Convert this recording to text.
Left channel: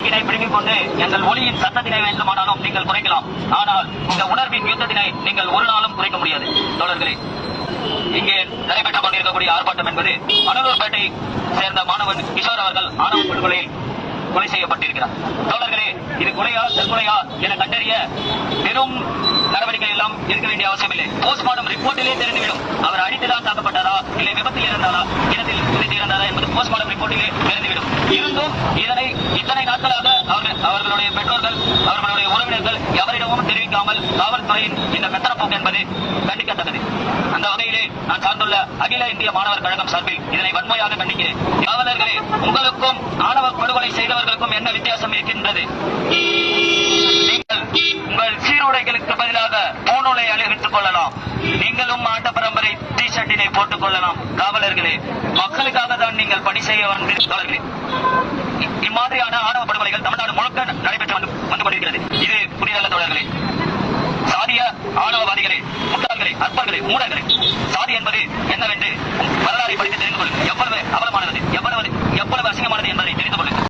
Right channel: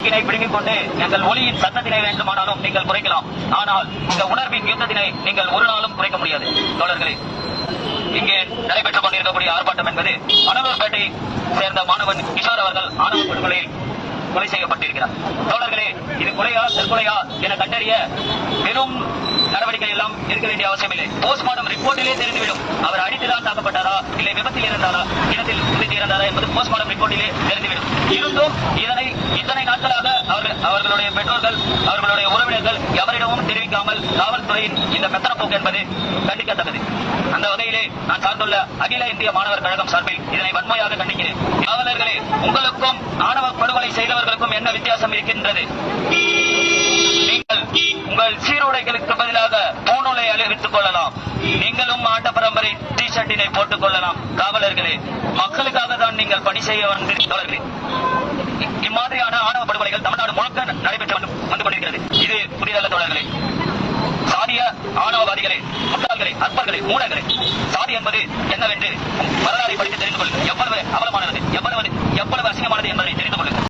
பிடுங்கிக் கொண்டு எங்கள் ஒளியின் சத்தத்தினை வேண்டுமானாலும் நீங்கள் குறைக்கலாம். ஆனால் இந்த உணர்வின் யுத்தத்தினை நீங்கள் ஒரு நாளும் குறைக்க முடியாது. தோழர்களே, இங்கே நடைபெற்றுக் கொண்டிருக்கக்கூடிய ஆர்ப்பாட்டம் என்பது அனலூர்பேட்டை சேர்ந்த மாணவன் கிஷோர் அவர்கள் ஆணவ படுகொலையில் கொலை செய்யப்பட்டிருக்கிறார். தோழர்களே, இது கொலையா தற்கொலையா என கண்டறிய பெரும் நடவடிக்கை எல்லாம் இருக்க வேண்டிய அவசியம் இல்லை. போஸ்ட்மார்டம் ரிப்போர்ட்டிலே தெரிந்துவிடும். அவர் அடித்துதான் தாக்கப்பட்டாரா, இல்லை விபத்தில் இறந்தாரா, இடத்தில் குதித்து இறந்தாரா என்பது போஸ்ட்மார்டம் ரிப்போர்ட்டிலே தெரிந்துவிடும். இருந்தும் இதனை இத்தனை நாட்களாக அவர்களுடைய பெற்றோர்கள், அவர்களுடைய உறவினர்கள் எவரிடமும் தெரிவிக்காமல் காவல்துறையின் இந்த மெத்தனப்போக்கு என்பது கண்டிக்கத்தக்கது. அந்த வகையிலே நான் சார்ந்துள்ள அகில இந்திய மாணவர் கழகம் சார்பில் இதனை வன்மையாக கண்டிக்கிறேன். காவலர்களே, உங்களுக்கும் ஆணவ படுகொலை செய்தவர்களுக்கும் என்ன வித்தியாசம் இருக்கின்றது? உங்கள் சீருடைகளுக்கு பதிலாக பூணூலை அணிவித்துக் கொள்ளலாம். நீங்களும் ஆட்ட பரம்பரை டி ஷர்ட்டினை போட்டுக் கொள்ளலாம். காவலர்களே, மக்களுக்காக தான் நீங்கள் பணி செய்ய வந்தவர்களே. இம்மாதிரியான ஆணவ படுகொலைகள் தமிழ்நாடு முழுக்க நடைபெற்று வந்து கொண்டிருக்கிறது. இது புதியதல்ல தோழர்களே. சாதிய ஆணவவாதிகளே, முட்டாள்களே, அற்பர்களே, மூடர்களே, சாதி என்பது என்னவென்று வரலாறை படித்து தெரிந்து கொள்ளுங்கள். எவ்வளவு அவலமானது, எவ்வளவு அசிங்கமானது என்பதை தெரிந்து கொள்ளுங்கள்.